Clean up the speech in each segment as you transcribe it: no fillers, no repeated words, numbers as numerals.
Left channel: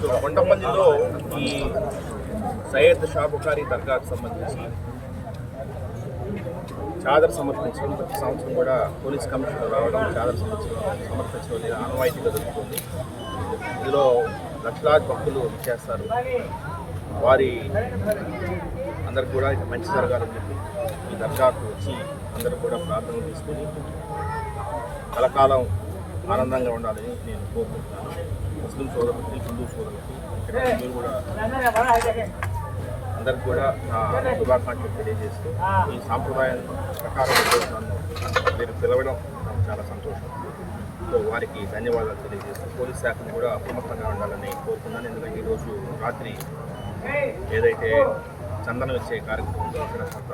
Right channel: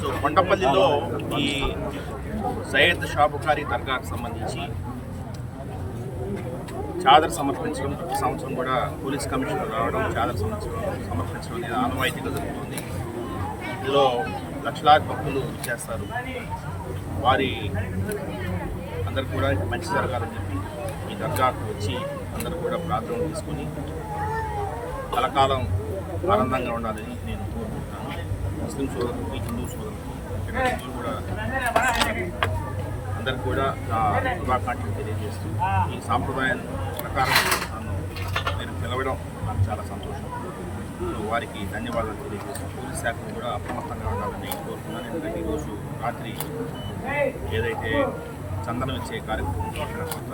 So కొండపల్లిలో ఈ సయ్యద్ షాబుఖారీ దర్గాకు సంబంధించి చాదర్ సమర్పించడం ప్రతి సంవత్సరం కూడా పోలీస్ కమిషనర్ రావడం చాదర్ సమర్పించడం అనేది ఆనవాయితీగా జరుగుతుంది. ఇందులో లక్షలాది భక్తులు చేస్తారు. వారి అందరు కూడా మంచి జరగాలని చెప్పి ఈ దర్గాకు వచ్చి అందరూ కూడా ప్రార్థనలు తీసుకొని కలకాలం ఆనందంగా ఉండాలని నేను కోరుకుంటున్నాను. ముస్లిం సోదరులకి, హిందూ సోదరులకి, హిందువులు కూడా అందరికి కూడా నా శుభాకాంక్షలు తెలియజేస్తూ ఈ సాంప్రదాయం ప్రకారం నన్ను మీరు పిలవడం నాకు చాలా సంతోషం. సో వారికి ధన్యవాదాలు తెలియజేస్తూ పోలీస్ శాఖను కూడా అప్రమత్తంగా ఉండాలని కోరుకున్నాను. ఎందుకంటే ఈరోజు రాత్రి ఏదైతే చందనం ఇచ్చే కార్యక్రమం అక్కడ కొంత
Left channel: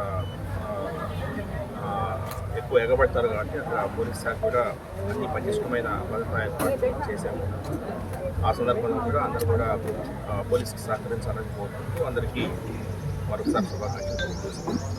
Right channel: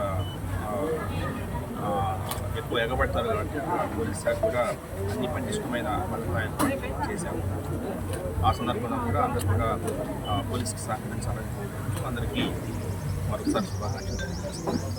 ఎక్కువ ఎగబడతారు కాబట్టి అక్కడ పోలీస్ శాఖ కూడా అన్ని పటిష్టమైన భద్రతా ఏర్పాట్లు చేశాము. ఆ సందర్భంలో కూడా అందరూ కూడా పోలీసుకి సహకరించాలని కోరుకుంటూ అందరికీ మరొకసారి శుభాకాంక్షలు తెలియజేస్తున్నాను.